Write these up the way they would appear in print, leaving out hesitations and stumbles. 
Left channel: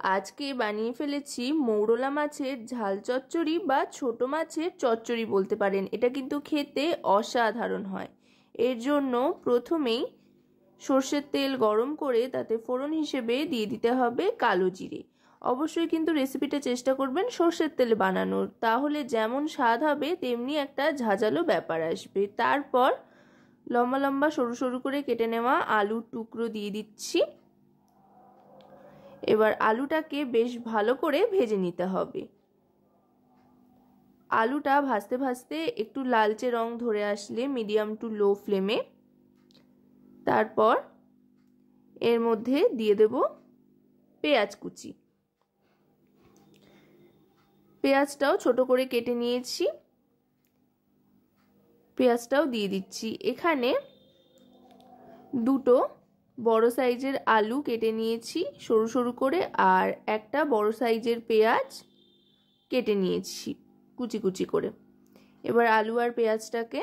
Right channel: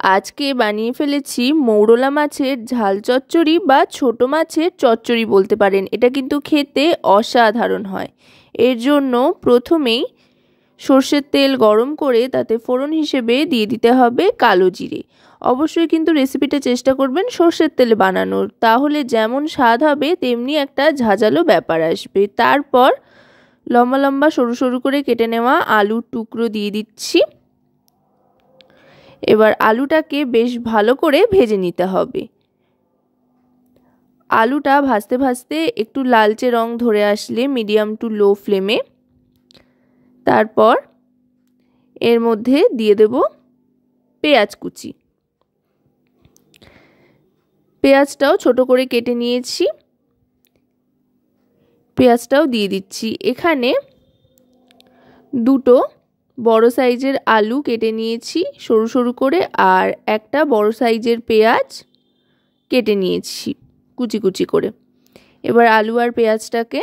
আজকে বানিয়ে ফেলেছি মৌরলা মাছের ঝাল চচ্চড়ি বা ছোট মাছের চচ্চড়ি বলতে পারেন। এটা কিন্তু খেতে অসাধারণ হয়। এর জন্য প্রথমেই সর্ষের তেল গরম করে তাতে ফোড়ন হিসেবে দিয়ে দিতে হবে কালো জিরে। অবশ্যই কিন্তু রেসিপিটা চেষ্টা করবেন সর্ষের তেলে বানানোর, তাহলে যেমন স্বাদ হবে তেমনি একটা ঝাঁঝালো ব্যাপার আসবে। তারপর লম্বা লম্বা সরু সরু করে কেটে নেওয়া আলুর টুকরো দিয়ে দিচ্ছি। এবার আলুটাকে বেশ ভালো করে ভেজে নিতে হবে। আলুটা ভাজতে ভাজতে একটু লালচে রং ধরে আসলে মিডিয়াম টু লো ফ্লেমে তারপর এর মধ্যে দিয়ে দেব পেঁয়াজ কুচি। পেঁয়াজটাও ছোট করে কেটে নিয়েছি, পেঁয়াজটাও দিয়ে দিচ্ছি। এখানে দুটো বড় সাইজের আলু কেটে নিয়েছি সরু সরু করে, আর একটা বড় সাইজের পেঁয়াজ কেটে নিয়েছি কুচি কুচি করে। এবার আলু আর পেঁয়াজটাকে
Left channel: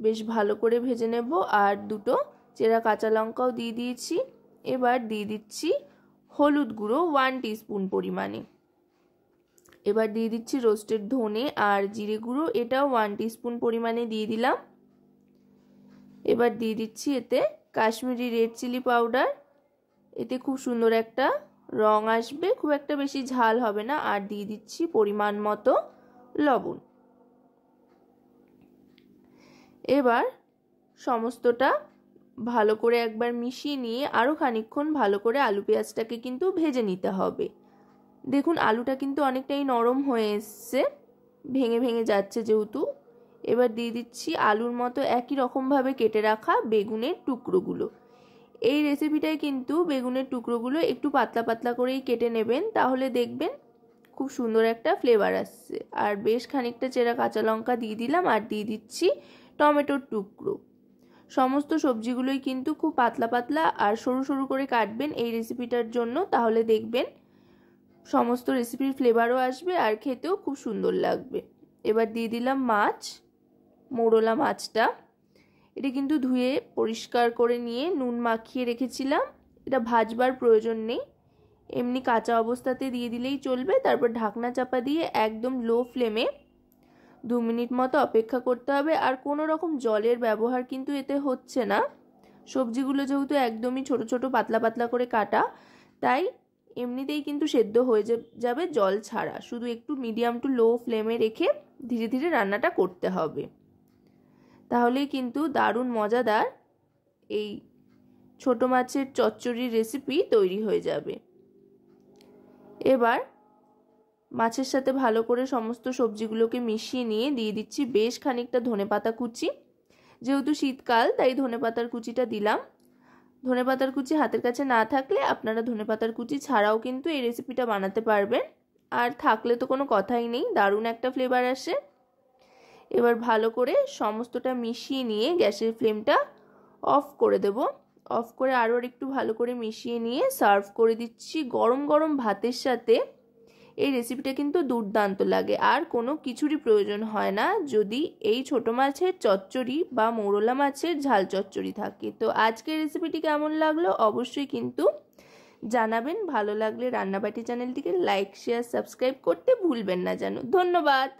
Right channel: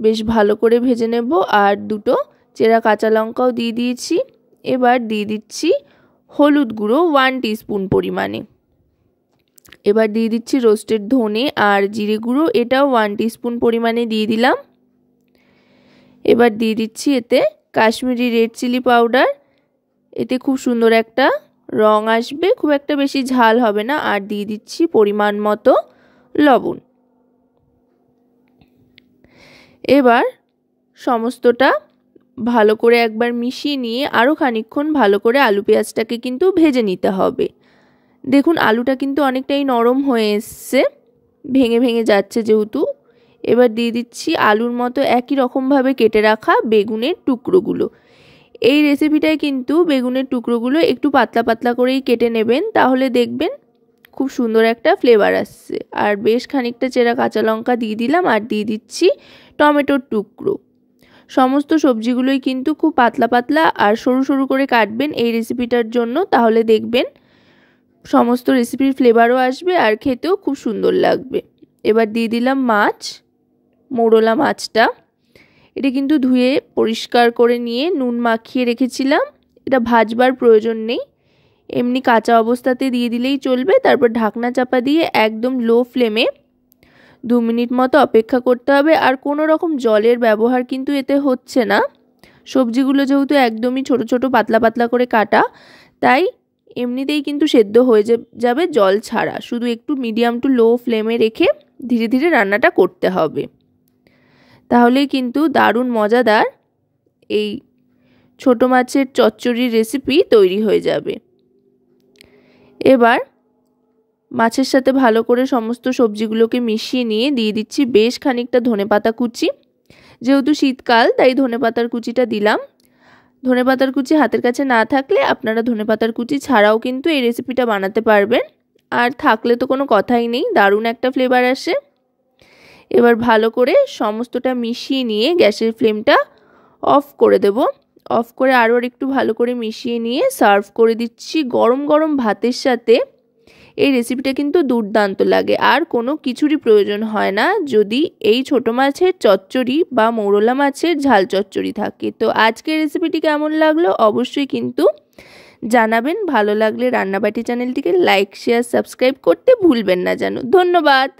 বেশ ভালো করে ভেজে নেব, আর দুটো চেরা কাঁচা লঙ্কাও দিয়ে দিয়েছি। এবার দিয়ে দিচ্ছি হলুদ গুঁড়ো 1 টিস্পুন পরিমাণে। এবার দিয়ে দিচ্ছি রোস্টেড ধনে আর জিরে গুঁড়ো, এটাও 1 টিস্পুন পরিমাণে দিয়ে দিলাম। এবার দিয়ে দিচ্ছি এতে কাশ্মীরি রেড চিলি পাউডার, এতে খুব সুন্দর একটা রং আসবে, খুব একটা বেশি ঝাল হবে না। আর দিয়ে দিচ্ছি পরিমাণ মতো লবণ। এবার সমস্তটা ভালো করে একবার মিশিয়ে নিয়ে আরও খানিকক্ষণ ভালো করে আলু পেঁয়াজটাকে কিন্তু ভেজে নিতে হবে। দেখুন আলুটা কিন্তু অনেকটাই নরম হয়ে এসছে, ভেঙে ভেঙে যাচ্ছে যেহেতু। এবার দিয়ে দিচ্ছি আলুর মতো একই রকমভাবে কেটে রাখা বেগুনের টুকরোগুলো। এই রেসিপিটায় কিন্তু বেগুনের টুকরোগুলো একটু পাতলা পাতলা করেই কেটে নেবেন, তাহলে দেখবেন খুব সুন্দর একটা ফ্লেভার আসছে। আর বেশ খানিকটা চেরা কাঁচা লঙ্কা দিয়ে দিলাম, আর দিয়ে দিচ্ছি টমেটোর টুকরো। সমস্ত সবজিগুলোই কিন্তু খুব পাতলা পাতলা আর সরু সরু করে কাটবেন এই রেসিপিটার জন্য, তাহলে দেখবেন সমস্ত রেসিপির ফ্লেভারও আসবে আর খেতেও খুব সুন্দর লাগবে। এবার দিয়ে দিলাম মাছ, মৌরলা মাছটা। এটা কিন্তু ধুয়ে পরিষ্কার করে নিয়ে নুন মাখিয়ে রেখেছিলাম, এটা ভাজবার প্রয়োজন নেই, এমনি কাঁচা অবস্থাতে দিয়ে দিলেই চলবে। তারপর ঢাকনা চাপা দিয়ে একদম লো ফ্লেমে 2 মিনিট মতো অপেক্ষা করতে হবে। আর কোনো রকম জলের ব্যবহার কিন্তু এতে হচ্ছে না, সবজিগুলো যেহেতু একদমই ছোট ছোট পাতলা পাতলা করে কাটা, তাই এমনিতেই কিন্তু সেদ্ধ হয়ে যাবে জল ছাড়া। শুধু একটু মিডিয়াম টু লো ফ্লেমে রেখে ধীরে ধীরে রান্নাটা করতে হবে, তাহলেই কিন্তু দারুণ মজাদার এই ছোট মাছের চচ্চড়ির রেসিপি তৈরি হয়ে যাবে। এবার মাছের সাথে ভালো করে সমস্ত সবজিগুলোকে মিশিয়ে নিয়ে দিয়ে দিচ্ছি বেশ খানিকটা ধনেপাতা কুচি। যেহেতু শীতকাল তাই ধনেপাতার কুচিটা দিলাম। ধনেপাতার কুচি হাতের কাছে না থাকলে আপনারা ধনেপাতার কুচি ছাড়াও কিন্তু এই রেসিপিটা বানাতে পারবেন, আর থাকলে তো কোনো কথাই নেই, দারুণ একটা ফ্লেভার আসে। এবার ভালো করে সমস্তটা মিশিয়ে নিয়ে গ্যাসের ফ্লেমটা অফ করে দেব। অফ করে আরও একটু ভালো করে মিশিয়ে নিয়ে সার্ভ করে দিচ্ছি গরম গরম ভাতের সাথে। এই রেসিপিটা কিন্তু দুর্দান্ত লাগে, আর কোনো কিছুরই প্রয়োজন হয় না যদি এই ছোট মাছের চচ্চড়ি বা মৌরলা মাছের ঝাল চচ্চড়ি থাকে। তো আজকের রেসিপিটি কেমন লাগলো অবশ্যই কিন্তু জানাবেন। ভালো লাগলে রান্নাবাটি চ্যানেলটিকে লাইক শেয়ার সাবস্ক্রাইব করতে ভুলবেন না যেন। ধন্যবাদ।